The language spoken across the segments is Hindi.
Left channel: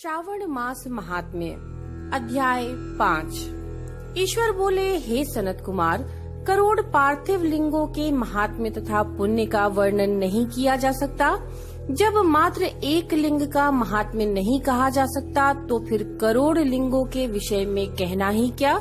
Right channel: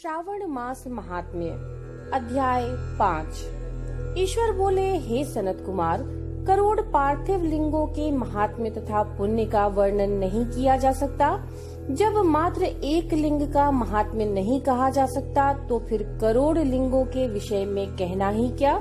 श्रावण मास महात्म्य अध्याय 5। ईश्वर बोले, हे सनत कुमार, करोड़ पार्थिव लिंगों के महात्म्य तथा पुण्य का वर्णन नहीं किया जा सकता। जब मात्र एक लिंग का महात्म्य नहीं कहा जा सकता तो फिर करोड़ लिंगों के विषय में कहना ही क्या।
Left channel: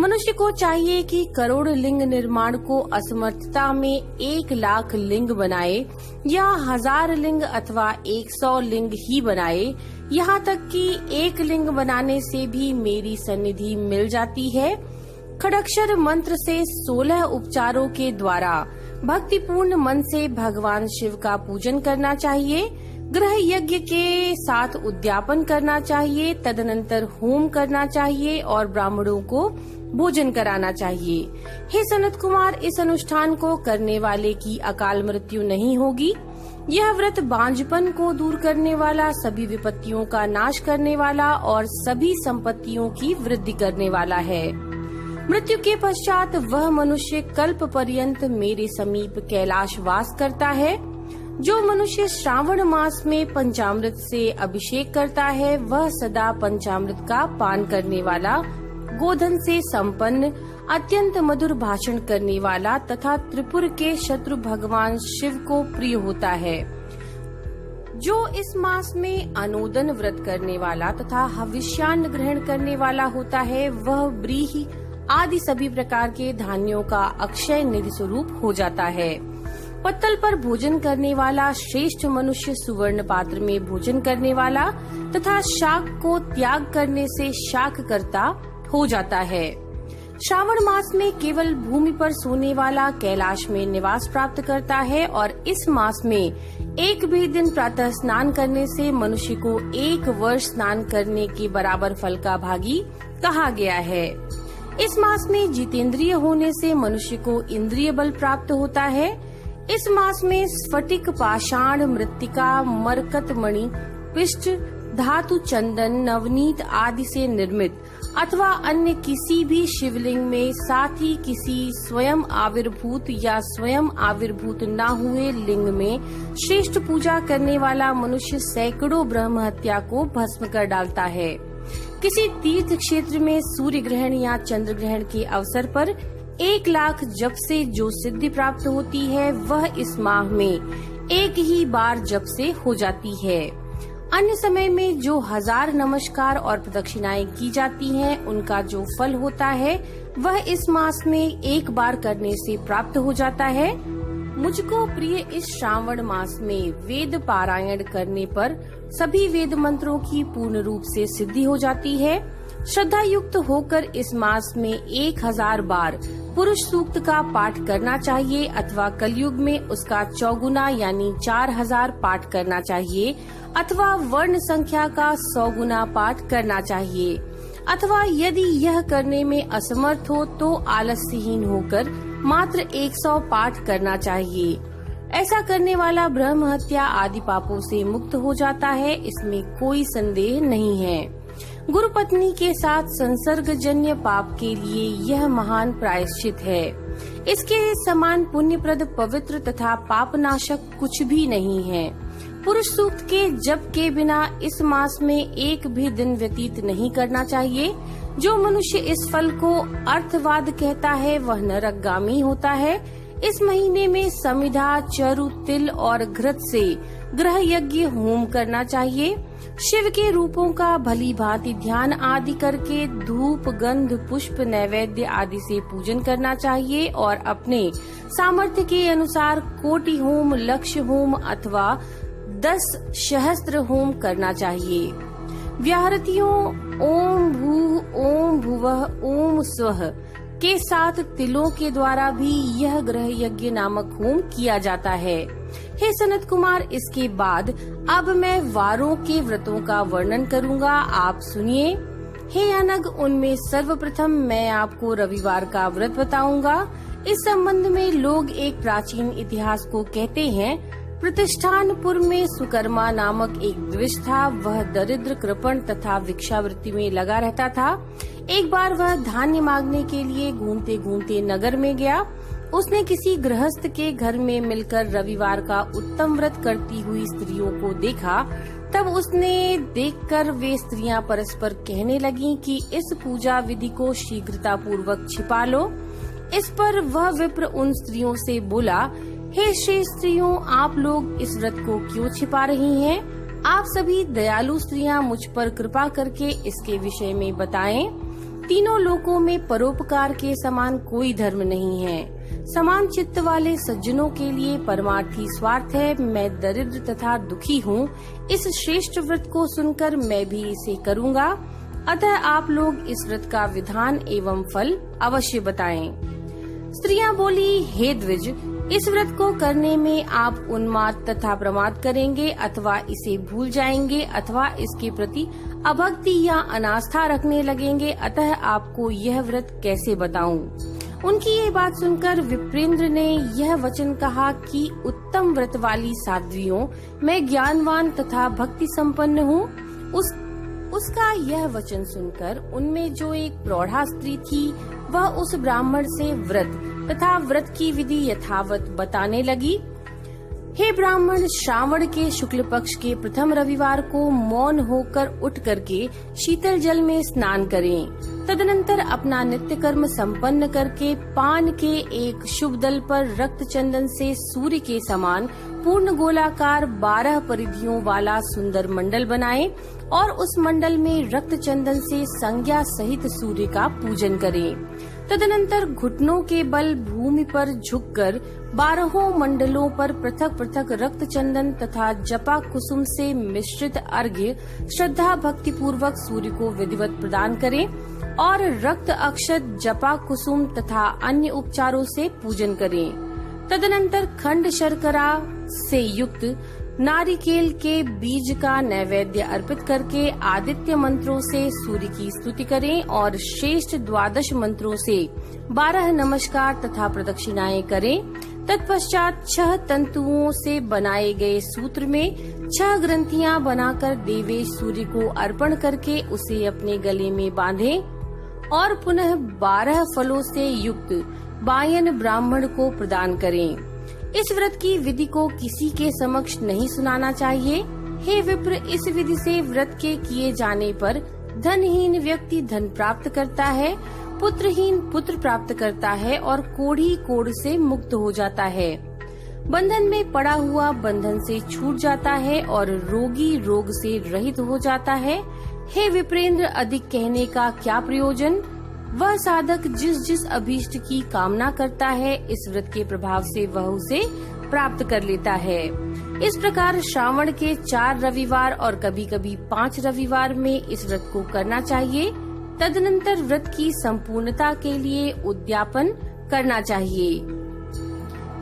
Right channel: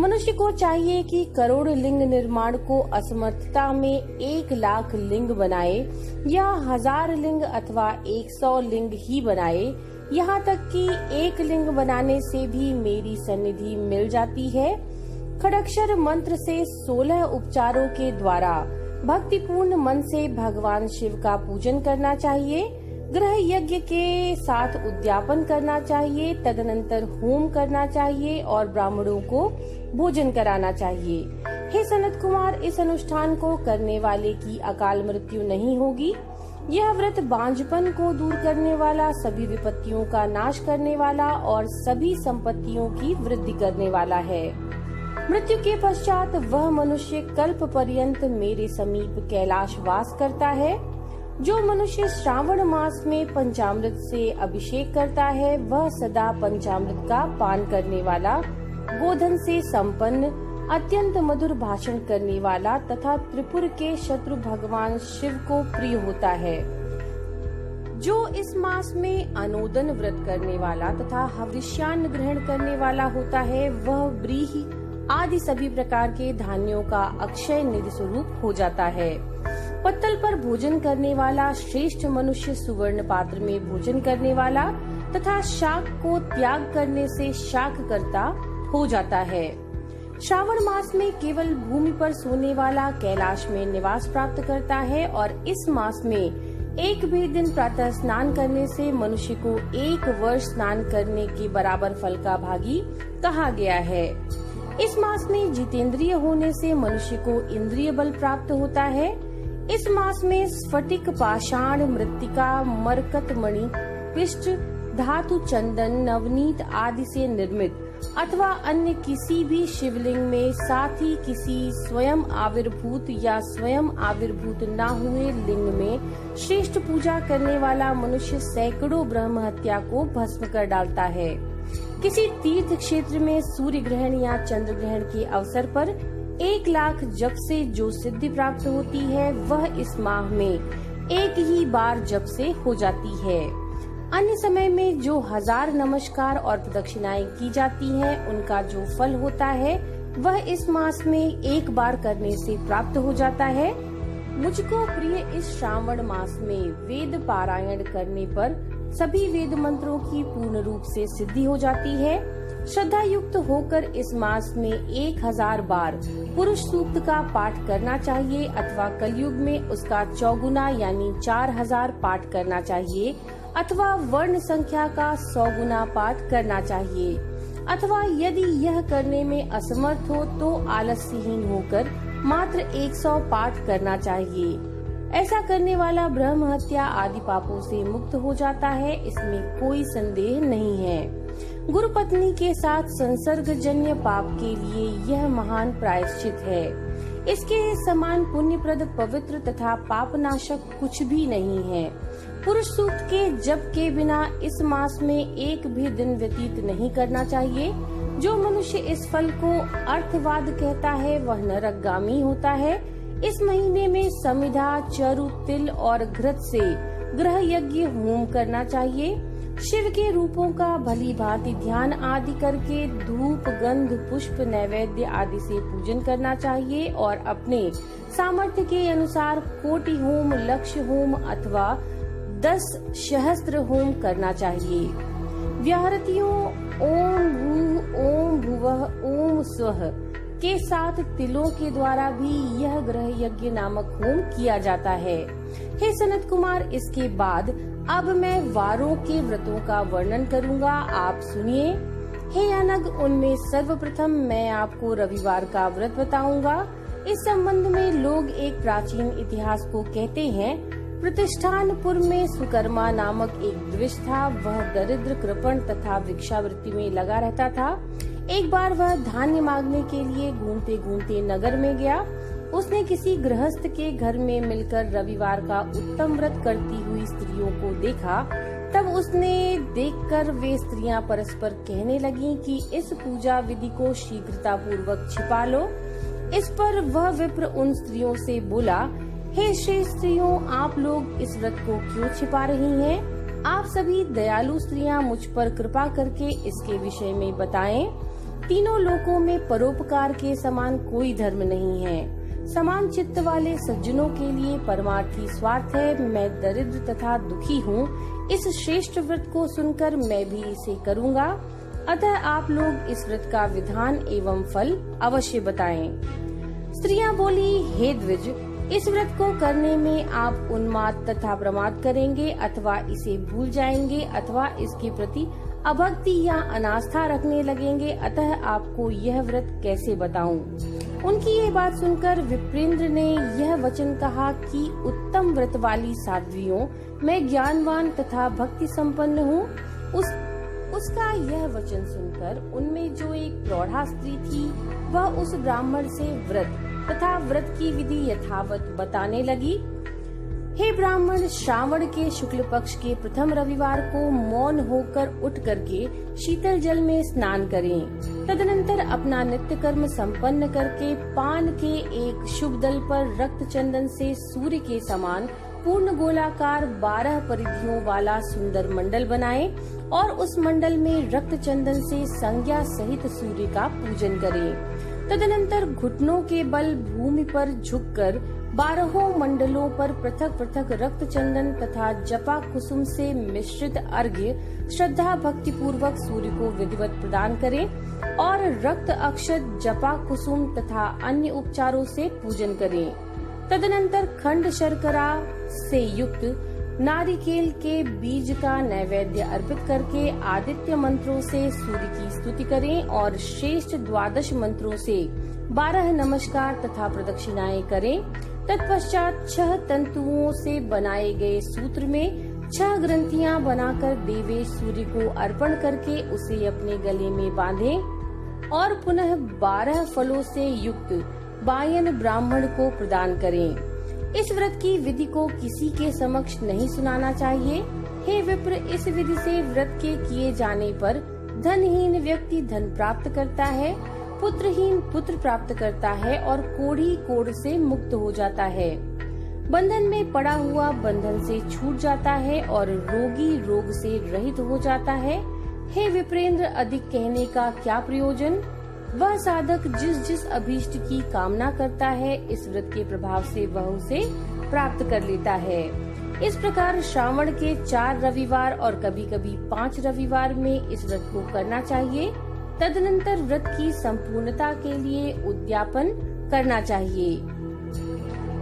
मनुष्य को चाहिए कि करोड़ लिंग निर्माण को असमर्थता में 1,00,000 लिंग बनाए या 1000 लिंग अथवा 100 लिंग ही बनाए। यहाँ तक कि एक लिंग बनाने से भी मेरी सन्निधि मिल जाती है। खड़क्षर मंत्र से 16 उपचारों के द्वारा भक्तिपूर्ण मन से भगवान शिव का पूजन करना चाहिए। ग्रह यज्ञ के साथ उद्यापन करना चाहिए, तदनंतर होम करना चाहिए और ब्राह्मणों को भोजन कराना चाहिए। हे सनत कुमार, इस अनुष्ठान को करने वाले की अकाल मृत्यु नहीं होगी। यह व्रत बांझपन को दूर करने वाला, सभी विपत्तियों का नाश करने वाला और सभी संपत्तियों की वृद्धि करने वाला है। मृत्यु के पश्चात वह मनुष्य कल्प पर्यंत मेरे समीप कैलाश वास करता है। जो मनुष्य श्रावण मास में पंचामृत से अभिषेक करता है वह सदा पंचामृत का पान करने वाला, गोधन से संपन्न, अत्यंत मधुर भाषण करने वाला तथा त्रिपुर के शत्रु भगवान शिव को प्रिय होता है। जो इस मास में अनोदन व्रत करने वाला तथा हविष्यान्न ग्रहण करने वाला होता है वह व्रीहि आदि सभी प्रकार के धान्यों का अक्षय निधि स्वरूप हो जाता है। पत्तल पर भोजन करने वाला श्रेष्ठ मनुष्य सुवर्ण पात्र में भोजन करने वाला तथा शाक को त्याग करने से शाक करता हो जाता है। श्रावण मास में केवल भूमि पर सोने वाला कैलाश में निवास प्राप्त करता है और इस मास में एक भी दिन प्रातः स्नान करने से मनुष्य को 1 वर्ष स्नान करने के बराबर फल का भागी कहा गया है। इस मास में जितेंद्रिय होने से मनुष्य को इंद्रिय बल प्राप्त होता है। इस मास में स्फटिक, पाषाण, मृत्तिका, मरकत मणि, पिष्ट, धातु, चंदन, नवनीत आदि से निर्मित अथवा अन्य किसी भी शिवलिंग में, साथ ही किसी स्वयं आविर्भूत या स्वयं आविर्भूत न हुए लिंग में श्रेष्ठ पूजा करने वाला मनुष्य सैकड़ों ब्रह्म हत्या को भस्म कर डालता है। किसी तीर्थ क्षेत्र में सूर्य ग्रहण या चंद्र ग्रहण के अवसर पर 1,00,000 जप से जो सिद्धि प्राप्त होती है वह इस माह में एक ही बार जप से हो जाती है। अन्य समय में जो 1000 नमस्कार और प्रदक्षिणाएं की जाती हैं उनका जो फल होता है वह इस मास में एक बार करने से प्राप्त हो जाता है। मुझको प्रिय इस श्रावण मास में वेद पारायण करने पर सभी वेद मंत्रों की पूर्ण रूप से सिद्धि हो जाती है। श्रद्धा युक्त होकर इस मास में 1000 बार पुरुष सूक्त का पाठ करना चाहिए अथवा कलयुग में उसका 4 गुना यानी 4000 पाठ करना चाहिए अथवा वर्ण संख्या का 100 गुना पाठ करना चाहिए अथवा यदि यह करने में असमर्थ हो तो आलस्यहीन होकर मात्र 100 पाठ करना चाहिए। ऐसा करने वाला ब्रह्म हत्या आदि पापों से मुक्त हो जाता है, इसमें कोई संदेह नहीं है। गुरु पत्नी के साथ संसर्गजन्य पाप के लिए यह महान प्रायश्चित है। इसके समान पुण्यप्रद, पवित्र तथा पापनाशक कुछ भी नहीं है। पुरुष सूक्त के जप के बिना इस मास में एक भी दिन व्यतीत नहीं करना चाहिए। जो मनुष्य इस फल को अर्थवाद कहता है वह नरकगामी होता है। इस महीने में समिधा, चरु, तिल और घृत से ग्रह यज्ञ होम करना चाहिए। शिव के रूपों का भली भांति ध्यान आदि करके धूप, गंध, पुष्प, नैवेद्य आदि से पूजन करना चाहिए और अपने सामर्थ्य के अनुसार कोटि होम, लक्ष्य होम अथवा 10 सहस्त्र होम करना चाहिए। व्याहृतियों ओम भू, ओम भुवः, ओम स्वः के साथ तिलों के द्वारा भी यह ग्रह यज्ञ नामक होम किया जाता है। हे सनत कुमार, इसके बाद अब मैं वारों के व्रतों का वर्णन करूंगा, आप सुनिए। हे अनग, उनमें सर्वप्रथम मैं आपको रविवार का व्रत बताऊंगा। इस संबंध में लोग एक प्राचीन इतिहास को कहते हैं। प्रतिष्ठानपुर में सुकर्मा नामक एक द्विज था। वह दरिद्र, कृपण तथा भिक्षावृत्ति में लगा रहता था। एक बार वह धान्य मांगने के लिए घूमते घूमते नगर में गया। उसने किसी गृहस्थ के घर में मिलकर रविवार का उत्तम व्रत करती हुई स्त्रियों को देखा। तब उसने देखकर वे स्त्रियां परस्पर कहने लगीं कि इस पूजा विधि को शीघ्रता पूर्वक छिपा लो। इस पर वह विप्र उन स्त्रियों से बोला, हे श्रेष्ठ स्त्रियों, आप लोग इस व्रत को क्यों छिपा रही हैं? आप सभी दयालु स्त्रियां मुझ पर कृपा करके इसके विषय में बताएं। तीनों लोकों में परोपकार के समान कोई धर्म नहीं है। समान चित्त वाले सज्जनों के लिए परमार्थी स्वार्थ है। मैं दरिद्र तथा दुखी हूँ। इस श्रेष्ठ व्रत को सुनकर मैं भी इसे करूँगा। अतः आप लोग इस व्रत का विधान एवं फल अवश्य बताएं। स्त्रियां बोली, हे द्विज, इस व्रत को करने में आप उन्माद तथा प्रमाद करेंगे अथवा इसे भूल जाएंगे अथवा इसके प्रति अभक्ति या अनास्था रखने लगेंगे। अतः आपको यह व्रत कैसे बताऊं? उनकी ये बात सुनकर विप्रेंद्र ने यह वचन कहा कि उत्तम व्रत वाली साध्वियों, मैं ज्ञानवान तथा भक्ति संपन्न हूँ। उसका यह वचन सुनकर उनमें जो एक प्रौढ़ा स्त्री थी वह उस ब्राह्मण से व्रत तथा व्रत की विधि यथावत बताने लगी। हे ब्राह्मण, श्रावण के शुक्ल पक्ष के प्रथम रविवार को मौन होकर उठ करके शीतल जल में स्नान करें। तदनंतर अपना नित्य कर्म संपन्न करके पान के एक शुभ दल पर रक्त चंदन से सूर्य के समान पूर्ण गोलाकार 12 परिधियों वाला सुंदर मंडल बनाएं और उस मंडल में रक्त चंदन से संज्ञा सहित सूर्य का पूजन करें। तदनंतर घुटनों के बल भूमि पर झुककर 12 मंडलों पर पृथक पृथक रक्त चंदन तथा जपा कुसुम से मिश्रित अर्घ्य श्रद्धा भक्ति पूर्वक सूर्य को विधिवत प्रदान करें और रक्त अक्षत, जपा कुसुम तथा अन्य उपचारों से पूजन करें। तदनंतर खंड शर्करा से युक्त नारिकेल के बीज का नैवेद्य अर्पित करके आदित्य मंत्रों से सूर्य की स्तुति करें और श्रेष्ठ 12 मंत्रों से 12 नमस्कार तथा प्रदक्षिणाएं करें। तत्पश्चात 6 तंतुओं से बनाए गए सूत्र में 6 ग्रंथियां बनाकर देवेश सूर्य को अर्पण करके उसे अपने गले में बांधें और पुनः 12 फलों से युक्त बायन ब्राह्मण को प्रदान करें। इस व्रत की विधि को किसी के समक्ष नहीं सुनाना चाहिए। हे विप्र, इस विधि से व्रत के किए जाने पर धनहीन व्यक्ति धन प्राप्त करता है, पुत्रहीन पुत्र प्राप्त करता है और कोढ़ी कोढ़ से मुक्त हो जाता है। बंधन में पड़ा हुआ बंधन से छूट जाता है और रोगी रोग से रहित हो जाता है। हे विप्रेंद्र, अधिक कहने का क्या प्रयोजन? वह साधक जिस जिस अभीष्ट की कामना करता है, इस व्रत के प्रभाव से वह उसे प्राप्त कर लेता है। इस प्रकार श्रावण के 4 रविवार और कभी कभी 5 रविवार में इस व्रत को करना चाहिए। तदनंतर व्रत की संपूर्णता के लिए उद्यापन करना चाहिए।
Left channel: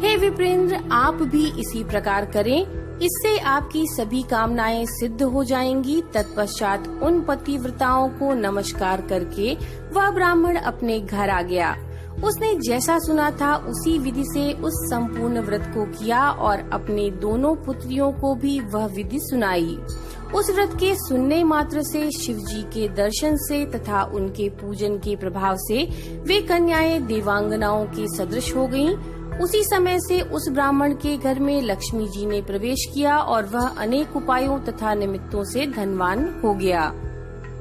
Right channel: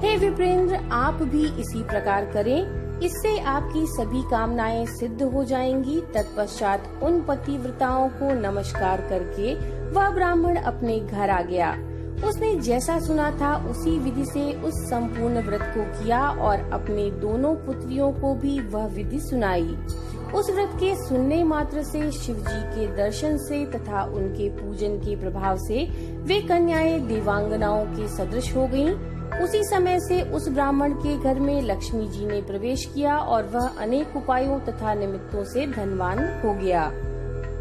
हे विप्रेंद्र, आप भी इसी प्रकार करें। इससे आपकी सभी कामनाएं सिद्ध हो जाएंगी। तत्पश्चात उन पतिव्रताओं को नमस्कार करके वह ब्राह्मण अपने घर आ गया। उसने जैसा सुना था उसी विधि से उस संपूर्ण व्रत को किया और अपने दोनों पुत्रियों को भी वह विधि सुनाई। उस व्रत के सुनने मात्र से शिव जी के दर्शन से तथा उनके पूजन के प्रभाव से वे कन्याएं देवांगनाओं के सदृश हो गयीं। उसी समय से उस ब्राह्मण के घर में लक्ष्मी जी ने प्रवेश किया और वह अनेक उपायों तथा निमित्तों से धनवान हो गया।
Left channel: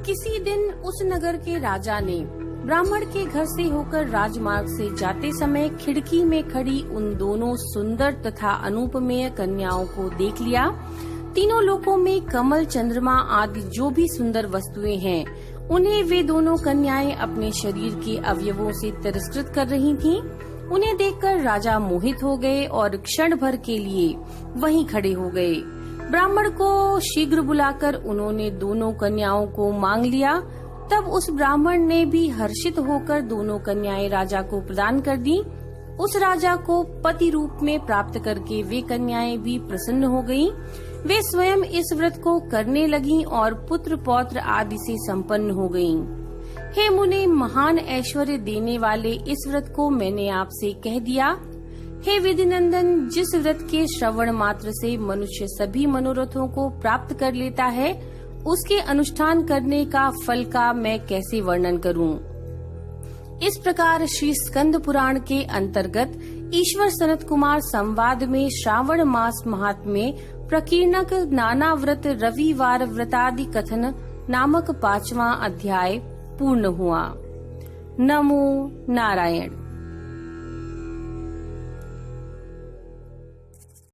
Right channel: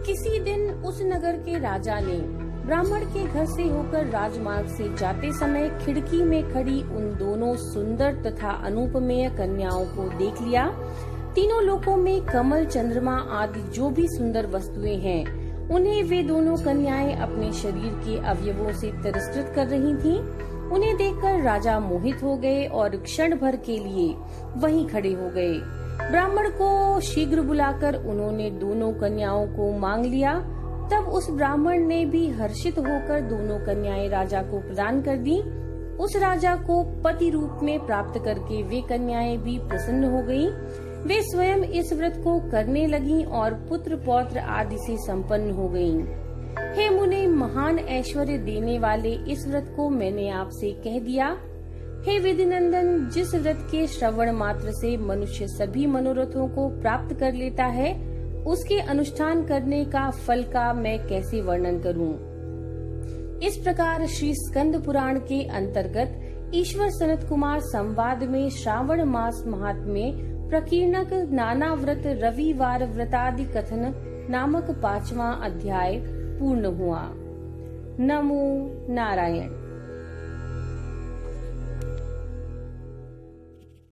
किसी दिन उस नगर के राजा ने ब्राह्मण के घर से होकर राजमार्ग से जाते समय खिड़की में खड़ी उन दोनों सुंदर तथा अनुपमेय कन्याओं को देख लिया। तीनों लोकों में कमल, चंद्रमा आदि जो भी सुंदर वस्तुएं हैं, उन्हें वे दोनों कन्याएं अपने शरीर के अवयवों से तिरस्कृत कर रही थीं। उन्हें देखकर राजा मोहित हो गए और क्षण भर के लिए वहीं खड़े हो गए। ब्राह्मण को शीघ्र बुलाकर उन्होंने दोनों कन्याओं को मांग लिया। तब उस ब्राह्मण ने भी हर्षित होकर दोनों कन्याएं राजा को प्रदान कर दी। उस राजा को पति रूप में प्राप्त करके वे कन्याएं भी प्रसन्न हो गयीं। वे स्वयं इस व्रत को करने लगीं और पुत्र पौत्र आदि से संपन्न हो गयीं। हे मुने, महान ऐश्वर्य देने वाले इस व्रत को मैंने आपसे कह दिया। हे विधिनंदन, जिस व्रत के श्रवण मात्र से मनुष्य सभी मनोरथों को प्राप्त कर लेता है, उसके अनुष्ठान करने का फल का मैं कैसे वर्णन करूं? इस प्रकार श्री स्कंद पुराण के अंतर्गत ईश्वर सनत कुमार संवाद में श्रावण मास महात्म्य प्रकीर्णक नाना व्रत रविवार व्रतादि कथन नामक 5वां अध्याय पूर्ण हुआ। नमो नारायण।